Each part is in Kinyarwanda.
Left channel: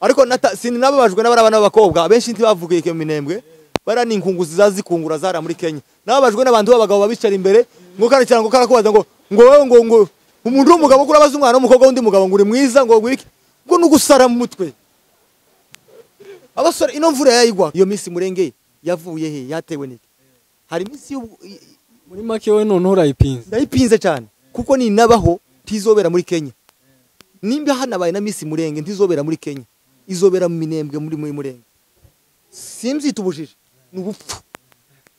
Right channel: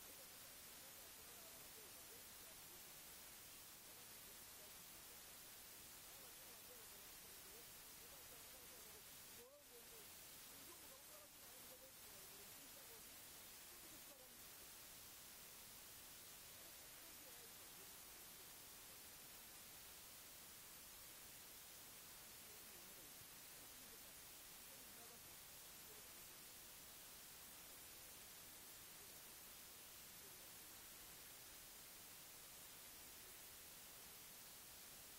ariko sinababajwe n'abana b'abakobwa benshi ntibavugiye ke minembwe barani inkunguzi zazikungura zara muri Kenya nababajwe n'abantu b'abagabo babicara imbere ngo kana cyangwa karakubaza ngo wewe umuntu w'umugabo kurabaza umwana w'umukobwa undi mugabo ngo uri mwiza ngo gwiki ngo nugusara mu mutwe abasore ino mvura yayigwa iyo Miss Mulenge yavuye he yatewe niki hari Miss muri make we none urayipinze cyane kuko ni nabaho tizobera muri Kenya nimba hanabaye na Miss Mulenge ntizobera muri Kenya izobera mu minembwe muri Mulenge simzitubujije n'ubupfu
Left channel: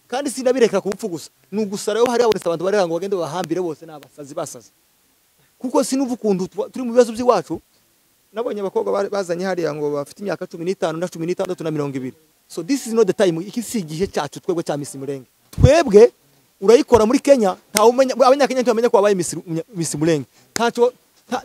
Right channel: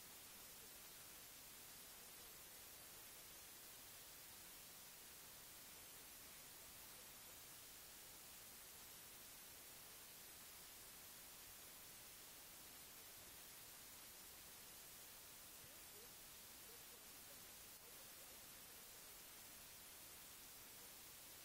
kandi sinabireka kubupfu gusa n'ugusara yo hari abonetse abantu bari ngo bagende bahambire bose n'abasazi basaze kuko sinuvu kundu turi mu bibazo by'iwacu nabonye abakobwa bazanye hari ngo bafite imyaka 15 na 16 na 20 so this is not the time ikisigihe cyacu twebwe cya Miss Mulenge twebwe urayikora muri Kenya nta umenya abanyakenya ntibamenya ko abaye Miss Mulenge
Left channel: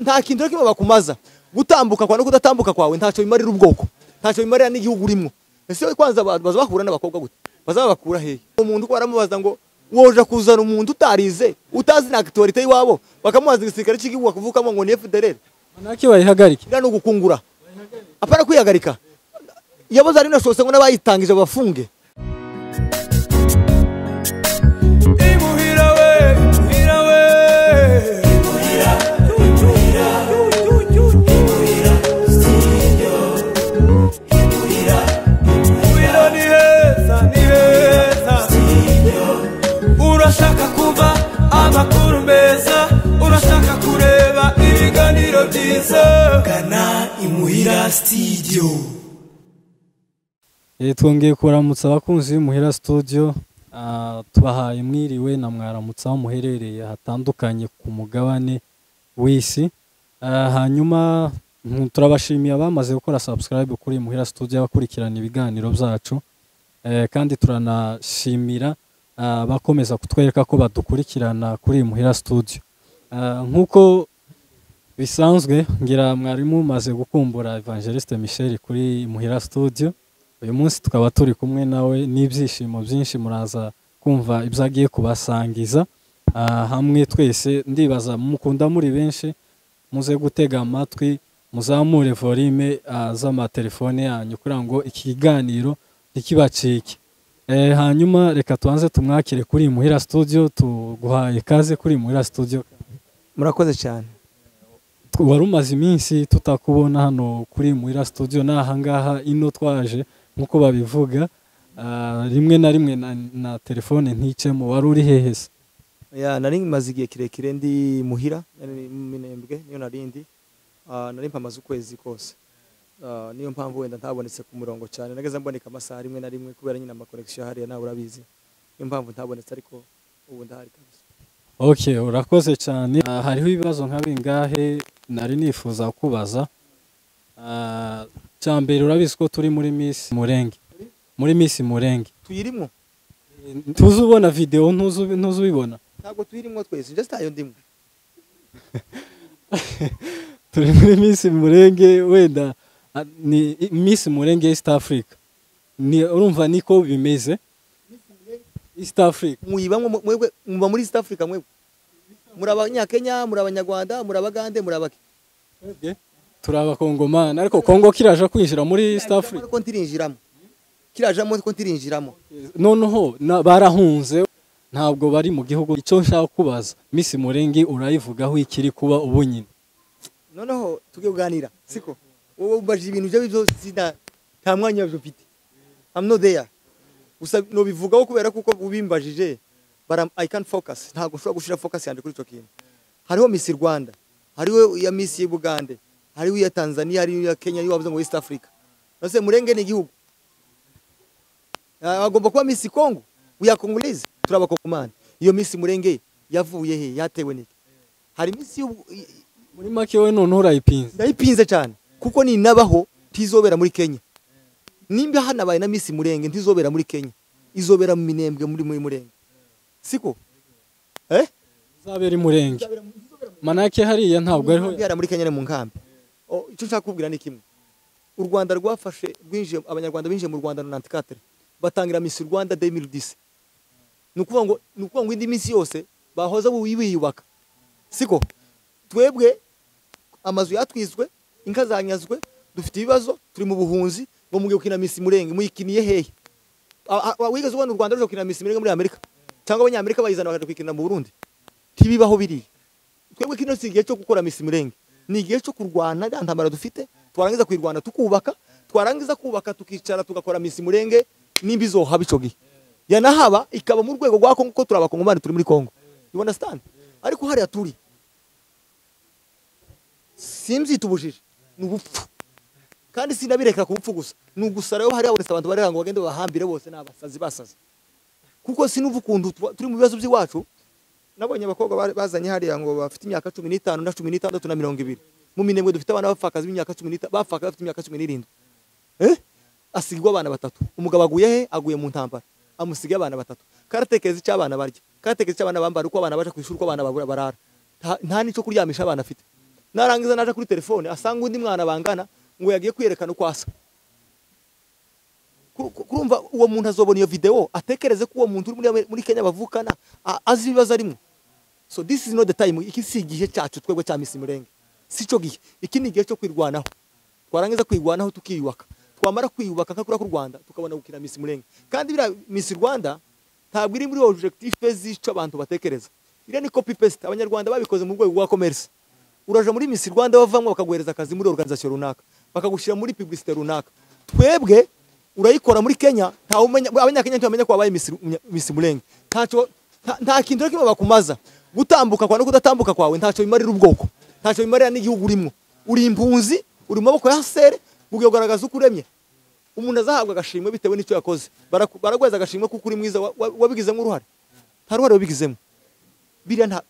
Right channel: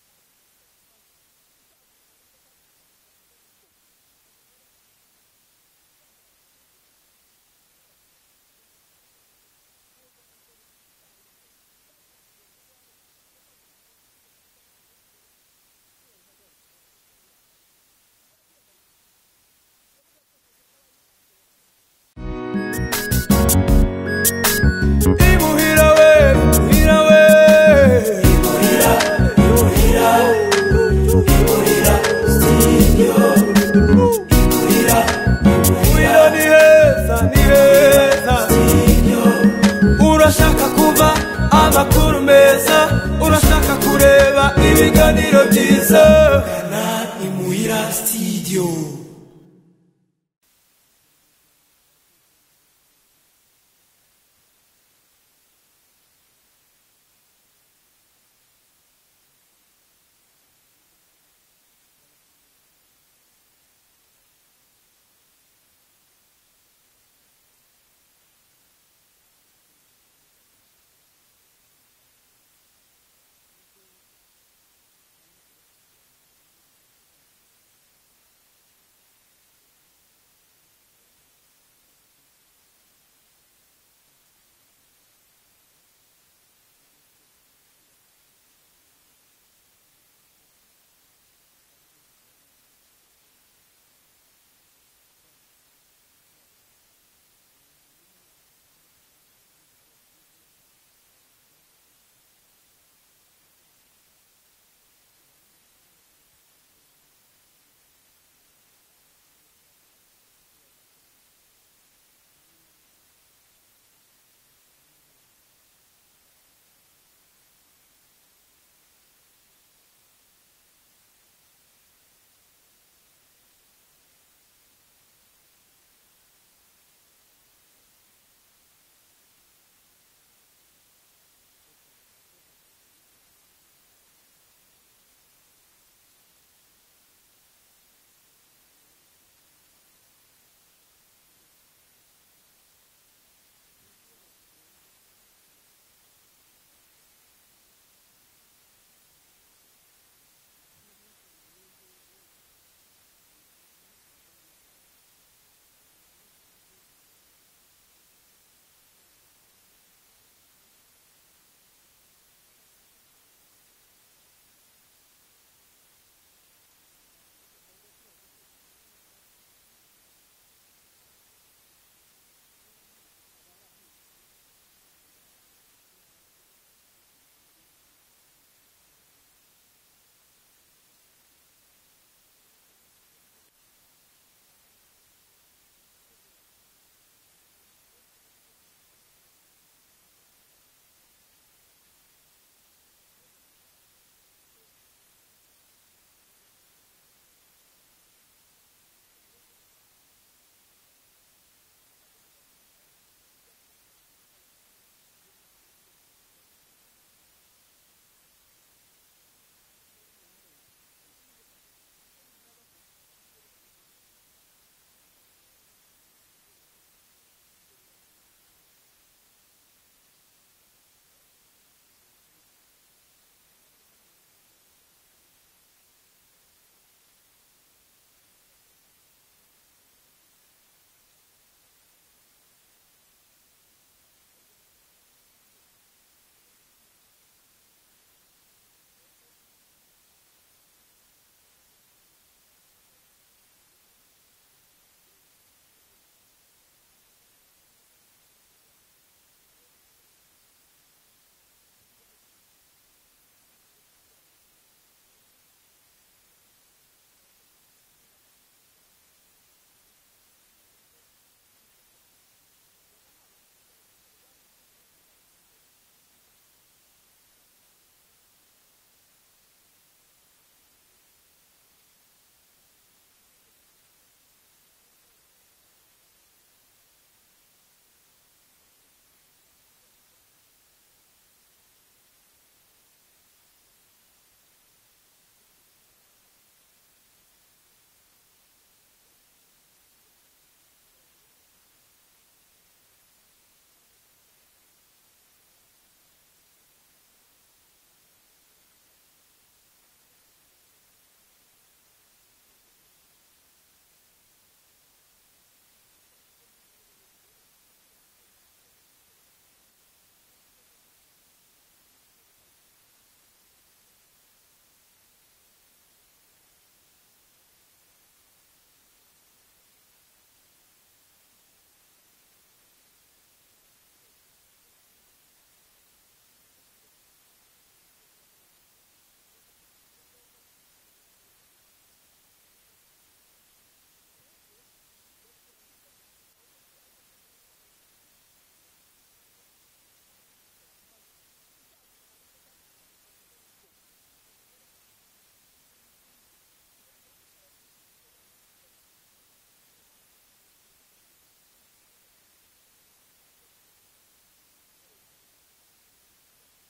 nta kintu kimwe bakumaza gutambuka kwa no kudatambuka kwawe ntacyo bimarira ubwoko ntacyo bimarira n'igihugu urimo ese kwanza baza bahura n'abakobwa gute bazabakura he umuntu ko baramubaza ngo woje kuzana umuntu utarize utazi na activity yiwabo bakamubaza igisirikare cy'igihugu bakuvukamo ngo ni FDLR manake bayihagarika no gukungura apara kwihagarika yaboza ari nashose ngo nabayitangije bafunge imuhira we urashaka kuba amakuru meza urashaka kureba ibiganiro byiza kana imuhira studio twongeye kuramutsa abakunzi b'imuhira studio tubahaye mwiriwe na mwaramutsa aho muherereye hatandukanye ku mugabane w'isi hanyuma turabashimiye abamaze gukora subscribe kuri muhira studio abakurikirana ibiganiro byacu kandi turanashimira bakomeza kutwereka ko badukurikirana kuri muhira studio nkuko bisanzwe ngira mwarimu maze gukumbura Evangeliste Michel kuri muhira studio uyu munsi tukaba turi kumwe nawe n'ibyishimo byinshi muraza kumva ibyagiye kubasangiza hamwe twese ndibaza mukunda muri benshi muze gutega amatwi muzamure volume z'amatelefone yanyu kugira ngo ikiganiro ntikibacike hanyuma reka tuanze tumwakire kuri muhira studio tuguhaye kaze kuri muhira studio murakoze cyane warumaze iminsi tutakubona hano kuri muhira studio nahangaha ino twaje nkuko babivuga rimwe na rimwe na telefone nticemo wari uri hehese nari maze igihe kirekire ndi muhira minembwe niyo narindi nari mpamaze ukwezi kose niyo mpamvu wenda ntabonetse ku murongo cyane nageze mboneka amasaha rimwe na rimwe kubera nyine ama connection hariya nawe urabizi niyo mpamvu ntabonetse ariko ubu ndahari kabisa okay urakoze cyane hariho ibibazo nka bingahe nari nifuza kubaza cyambere urabizi ko turi muri Miss Mulenge tuyirimo tuzubona video ntuzubibona ntabwo tuyirimo twese just ayo ndimo turi muri Miss Mulenge wenda ni Miss Mulenge East Africa ni urumva niko bimeze East Africa muyibamwe mwebwe muba muri East Africa mwebwe murabanyakenya murabanyarwanda murabagande murabaki turaba Kongomana ariko Kongo kiraje kwinjira muri East Africa ko ntirinjiramo kirajamo ko ntirinjiramo noneho barahunze ntabwo bari mu gihugu icyo nshaka kubaza Miss Mulenge urayivugaho ikiri kuba ubunyine noneho tugiye kuganira siko wowe umbaje ibintu byo sida nta mwanya byo mfite I'm not there gusa no bivugaho kubera kuko ubimbajije I can't focus ntabwo ushobora gushira focus yande kuri cyo kintu hariho Miss Rwanda hariho ya Miss Bugande hariho ya Tanzania hariho ya Kenya hariho wavuze ngo East Africa nose Mulenge ni igihugu agomba kuba Miss Congo uya Congolese turabakongomani iyo Miss Mulenge yavuye he yatewe niki hari Miss muri make we none urayipinze ndayipinze cyane kuko ni nabaho tizobera muri Kenya nimba hanabaye na Miss Mulenge ntizobera muri Kenya izobera mu minembwe muri Mulenge siko zabera Mulenge manake hariya ntabwo ariho yara muri Kenya mu nkambi icyo nshaka kubwira ni kimwe u Rwanda rwafashe rwinje abanyarwanda binje mu Rwanda 94 batangira Miss Rwanda 2010 nukuvuga ngo indi minsi yose bahoza wiyubaka siko twebwe amazu yatwizwe inka zanyazwe dufite ibibazo turi mu buhunzi ngo mugiye gukina Miss Mulenge muyikiniye hehe wigeze ubona u Rwanda ruje gukina Miss Mulenge muri Amerika cyangwa abanyamerika bayizana bakaje kwikina mu Burundi tibibaho biri twebwe kino si igihe cyo gukora Miss Mulenge ni igihe cyo kurwana ntantamara dufite twarangiza kwirwana tukubaka twarangiza kubaka tukicara tugakora Miss Mulenge nimbi zo haba ico gihe yanahaba ikaba mu rwego rwa Kongo ko turabakongomani turi muri Kongo you understand ariko hari aturi simzi tubujije n'ubupfu kandi sinabirekera kubupfu gusa n'ugusara yo hari abonetse abantu baranga bagende bahambire bose n'abasazi basaze kuko sinuvu kundu turi mu bibazo by'iwacu nabonye abakobwa bazanye hari ngo bafite imyaka 15 na 16 na 20 mu minembwe dufite abana bafakaza imyaka 15 bafaka bafite imyaka 17 asigwa abana batatu umugabo aguye he aguye mu ntambara amusiga abana batatu karatekeza cy'abana barya karatekeza cy'abana bambara uko abana baje kwishura uko abana barara nta nico kuryamisha abana afite narangiza naje kuri telefone asanga undi mwana bangana ngo yagiye kwerekana uko asa kurumva uwo muntu azobona iyo video atekereze ko uwo muntu uri muri Kenya bavukana azi ibibazo arimo so this is not the time iki si igihe cyacu twebwe cya Miss Mulenge sico gihe iki ni igihe cyo kwirwanaho twarangiza kwirwanaho tukiyubaka twamara kwiyubaka nkakura ku Rwanda tukabona gukina Miss Mulenge kandi bira Miss Rwanda ntabwo iri muri objective z'ico abantu batekereza bira ni copy paste abanyarwanda babikoze mu rwego rwa commerce uraje muri Miss Rwanda bavamwe bakaguhereza akazi muri organisation runaka bakagushira muri publicité runaka twebwe urayikora muri Kenya nta umenya abanyakenya ntibamenya ko wabaye Miss Mulenge nta kintu kimwe bakumaza gutambuka kwa no kudatambuka kwawe ntaco bimarira ubwoko ntaco bimarira n'igihugu urimo uri impunzi uri mu maboko ya sere ugiye kugaragaza uko uremye umuntu azahabwa agashimwe bitewe n'icyo yakoze baragweza agashimwe kuko uri mwiza wabigizemo uruhare nta ruhare wabigizemo biriya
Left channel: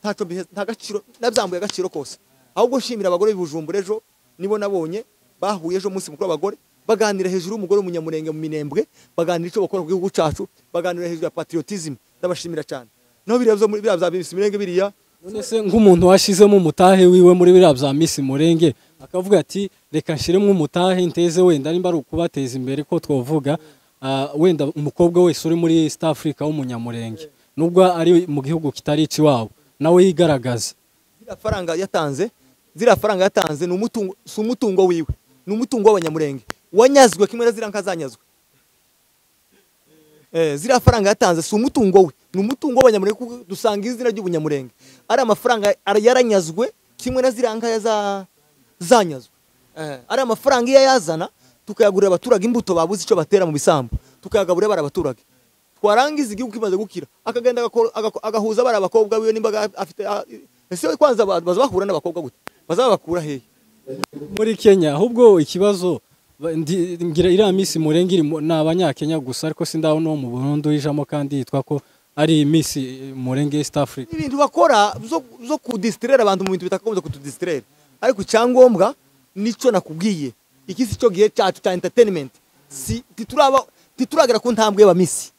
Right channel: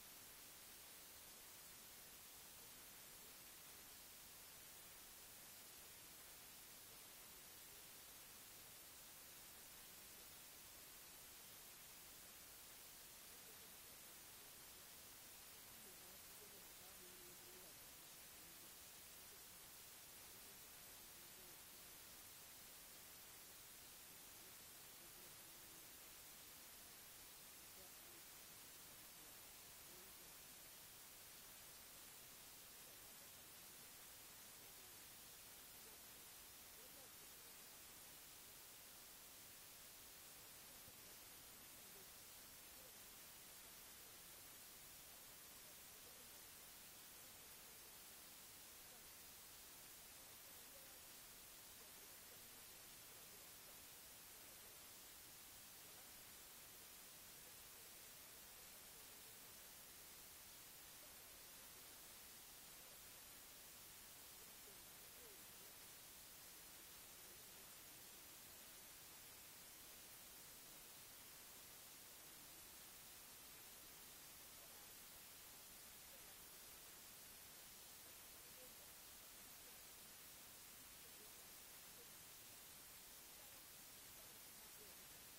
nta gaciro nabyambuye agaciro kose ahubwo nshimira abagore b'Ibujumbura ejo nibo nabonye bahuye ejo munsi mukuru w'abagore baganira hejuru y'umugore w'umunyamurenge mu minembwe baganira icyo bakora ku gihugu cyacu baganira hejuru ya patriotism ndabashimira cyane no biriya bya Miss Mulenge biriya none se nk'umuntu washizemo umutahe wiwe muri biriya bya Miss Mulenge akavuga ati reka nshiremo umutahe nteze wenda nimba ari ukubateza imbere ko twovuga wenda umukobwa wese uri muri East Africa w'umunyamurenge nubwo ari mu gihugu kitari ikiwabo nawe yigaragaza zira faranga yatanze n'umutungo wiwe n'umutungo w'abanyamurenge wanyazwe kimwe na zira nkazanyazwe zira faranga yatanze si umutungo we n'umutungo w'abanyamurenge dusanga izina ry'ubunyamurenge ari amafaranga yaranyazwe kimwe na zira zanyazwe ari amafaranga iyo yazana tukayagurira abaturage imbuto babuze icyo batera mu bisambu tukayagaburira bara abaturage twarangiza igihugu kimaze gukira akagenda agahuza bara abakobwa biwe nimba afite ese kwanza bazabahura n'abakobwa gute bazabakura hehe muri Kenya ahubwo ikibazo ngira iriya Miss Mulenge iri n'abanyakenya gusa ariko sindaho no mu Burundi ijamo kandi yitwa ko ari Miss Mulenge East Africa ibintu bakora zo kudistraire abantu mu bintu bitakagombye kutudistraire ariko cyangombwa nico nakubwiye iki si cyo gihe cyacu cya entertainment si tituragera ku ntambwe y'aba Miss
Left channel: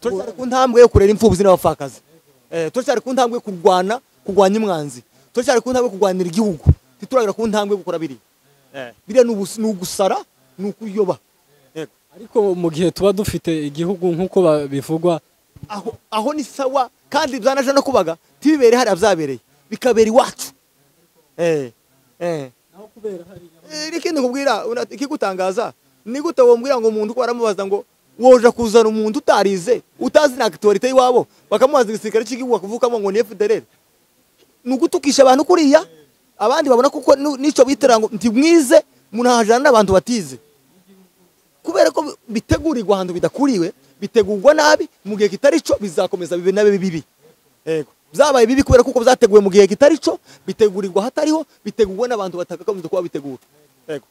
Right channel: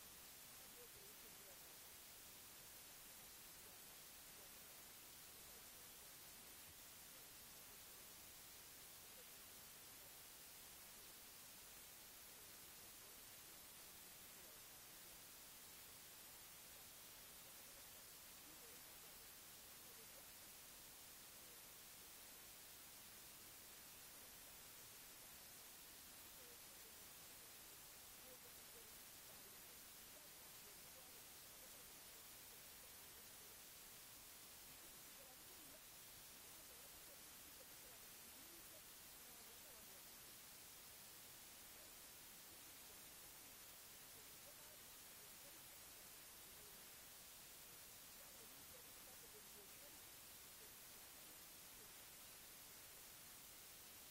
turashaka ku ntambwe yo kurera imfubyi n'abafakazi turashaka ku ntambwe kurwanya umwanzi turashaka ku ntambwe kurwanira igihugu tituragera ku ntambwe gukora biriya n'ugusara n'ukuyoba ariko mu gihe tuba dufite igihugu nk'uko bivugwa aho ni sawa kandi byanaje no kubaga tibibere hari abyabereye bikabera iwacu naho kubera hari ikindi kubwira ikigutangaza ni gute wombwira ngo umuntu ko aramubaza ngo woje kuzana umuntu utarize utazi na actorite yiwabo bakamubaza igisirikare cy'igihugu akuvukamo ngo ni FDLR nugutukisha abantu kuriya abandi babona kuko nico bitera ngo ntimwize munahajana n'abantu batize kubera ko bitegurirwa ahantu bidakuriwe bitegurwa nabi mu gihe kitari cyo bizakomeza bibe nabe bibi yego byabaye bibi kubera kuko byateguwe mu gihe kitari cyo bitegurirwa hatariho bitegurwa n'abantu batakakomeza kuba bitegura yego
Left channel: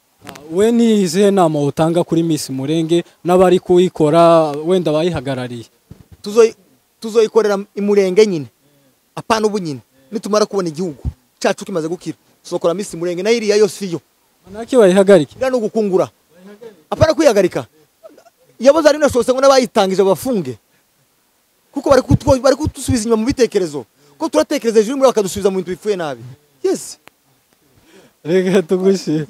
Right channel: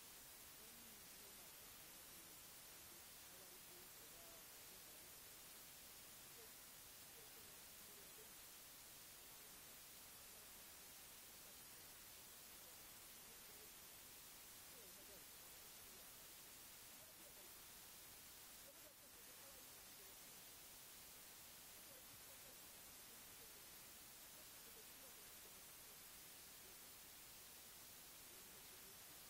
we ni izihe nama utanga kuri Miss Mulenge n'abari kuyikora wenda bayihagarariye tuzoyikorera imurenge nyine apana ubu nyine nitumara kubona igihugu cyacu kimaze gukira tuzokora Miss Mulenge na iriya yose iyo manake bayihagarike ira no gukungura apana kwihagarika yaboza ari nashose ngo nabayitangije bafunge kuko bari kutusubiza inyuma mu bitekerezo ko turatekereza ejo muri bakadusubiza mu bintu bifuye nabi yes rega tugushi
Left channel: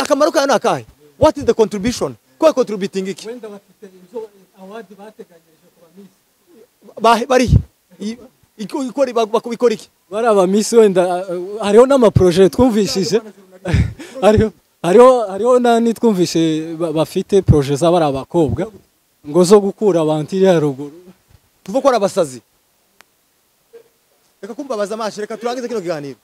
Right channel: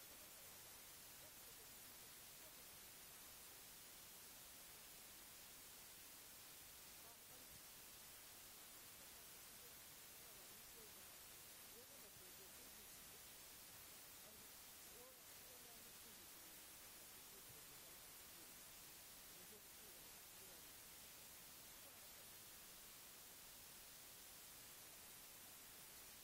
akamaro kayo nakahe what is the contribution ko contributing iki wenda bafite inzo award bateganyije kuba Miss bari ikora bakubikora iki bari aba Miss wenda hariho n'ama projet twumvishije hariho nani twumvishe bafite projet z'abari abakobwa ngo zo gukura abantu iri haruguru tuva ko ari abasazi. Reka kumbabaza amaso, reka turangize kino kiganiro.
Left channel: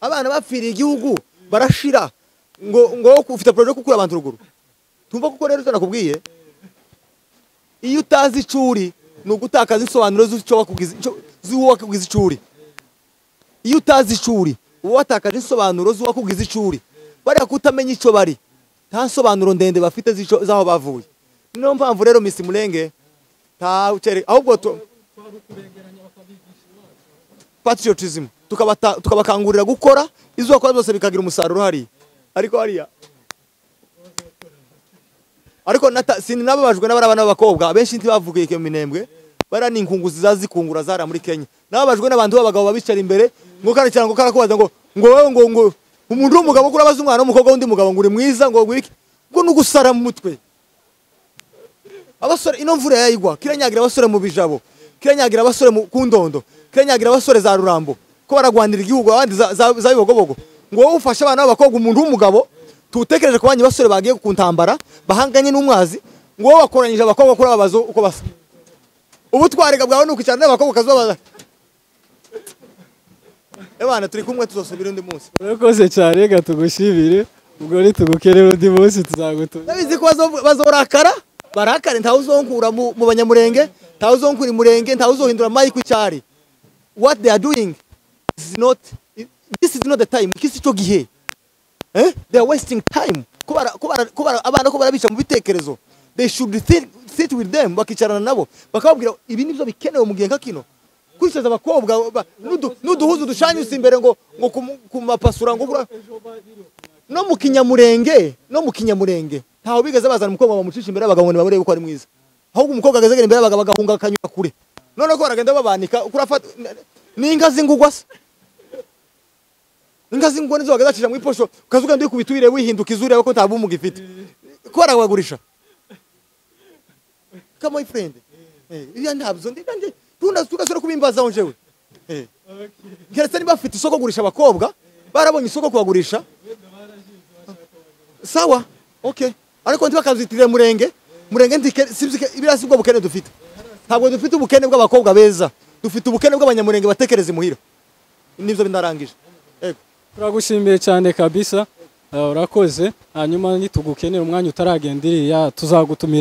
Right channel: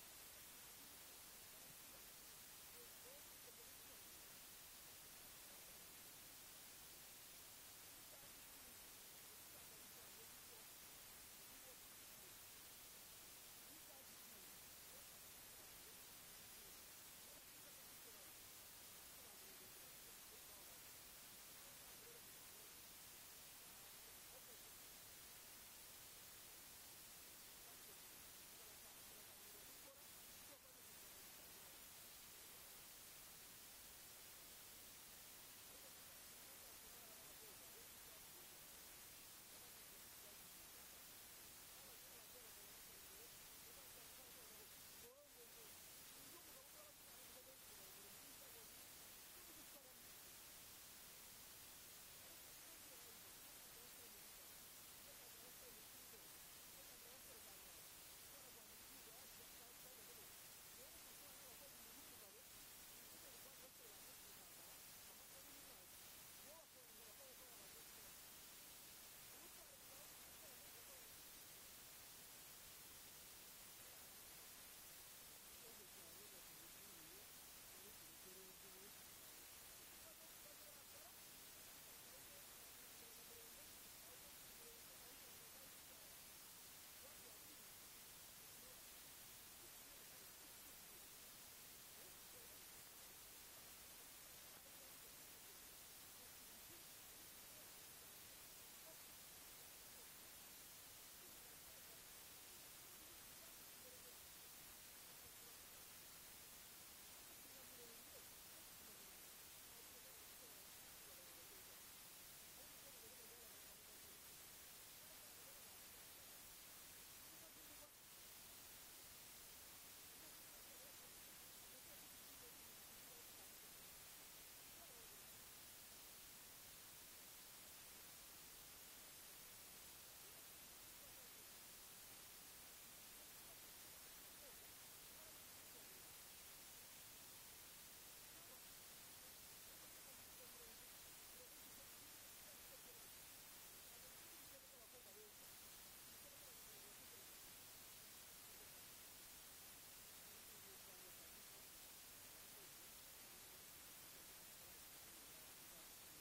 Abana bapfiriye igihugu barashira ngo ufite projet gukura abantu ruguru. Tumva kuko rero tunakubwiye iyo utazi icuri no gutakaza insobanuro z'icyo wakugize icuri. Iyo utazi icuri uwo watakaje insobanuro z'uwakugize icuri. Bari kutamenya ico bari. Nta nsobanuro ndende bafite zaho bavuye. Niyo mpamvu rero Miss Mulenge ta ucere ahubwo patriotism tukabakangurira gukora izo bakora byose bikagira umusaruro hari. Ariko hariya sinababajwe n'abana b'abakobwa abenshi ntibavugiye ke minembwe bara ninkunguzi zazikungura zara muri Kenya. Nababajwe n'abantu b'abagabo babicara imbere ngo kandi cyangwa karakubaza ngo umuntu w'umugabo kurabaza umwana w'umukobwa wundi mugabo ngo uri mwiza ngo gwiki ngo nugusara mu mutwe. Abasore ino mvura yayigwa kiranyagira abasore mu bijabo, kiranyagira abasore mu kundondo, kiranyagira abasore za Rurambo ko baragwanira igihugu abandi za bibogobogo. Ngo wowe ufashe abana b'abakobwa umuntu w'umugabo tutekereje ko banyi basore bagiye kuntambara bahanganye n'umwazi ngo wowe wakoranyije abakobwa kuri ababazo uko basa. Ubu twarega bwawe nukicara n'abakobwa kazobaza. Ebana turi kumwe tuzosubira undi munsi. Urakoze cyane reka tugushibire ubwo ni tugukerera undi munsi tuzagutuza. Nabizi ko bazorakara barakare ntawuzonkura mu banyamurenge, ntawuzonkura imurenge, ntawuzohindura mayi kw'icyari. What they are doing this is not the time. Kisi cyo gihe. They are wasting time. Kubara abana ko barabica mu bitekerezo. They should sit with them bakicarana nabo bakababwira ibi nibyo bikenewe mu gihe nkakino. Kwishaza abakobwa nuduhuzu dushanyuse imbere ngo kumapasura ngo no mu kinyamurenge ntaho bigeze bazana umukobwa bamucisha imbere abagabo barebe ko ari mwiza. Ahubwo umukobwa ageze imbere abagabo bagahunga akanyura kure. None ko baragenda babanika kurafata ninga zingugwa se. Ninga zingugwa nizo bagazacira mu iposho ukazuga ndi kubitwire wihinduka izure ko ntabu mugifite. Ko arawagurisha. Come my friend. Iya ntabzo ndikanje tugasura kubimbaza onjewe. Keretse niba afite isoko gurisha abakobwa barabonye isoko kubagurisha. Sawa. Okay. Ariko ntibakazitire murenge ibirasi bwo bukene dufite. Ntabwo dufite ubukene bw'abakobwa beza. Dufite ubukene bw'abanyamurenge batekereza imuhira. Nivyo bindarangije. Turagushimiye cyane kabisa. Urakoze. Hanyuma nitugukenera umwanya utaragendiriya tuzagutumira.